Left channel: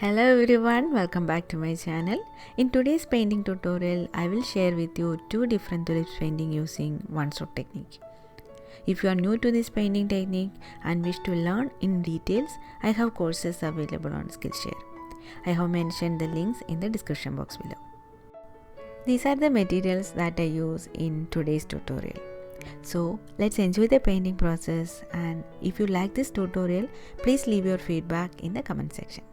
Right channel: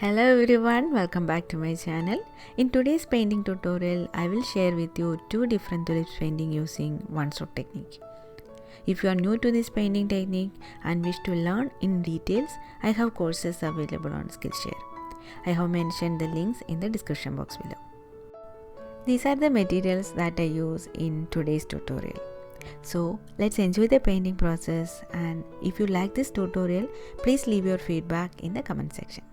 Hello everyone, welcome back to my channel. In today's painting tutorial, I will share with you two different tulips painting using one stroke technique. If you are new to this painting technique and wish to learn in details, I have courses available on Skillshare. I have mentioned the links in the description box below. These are the materials that I use in today's tutorial. So let's enjoy the painting process, and if you like this tutorial, please leave your feedback in the comment section.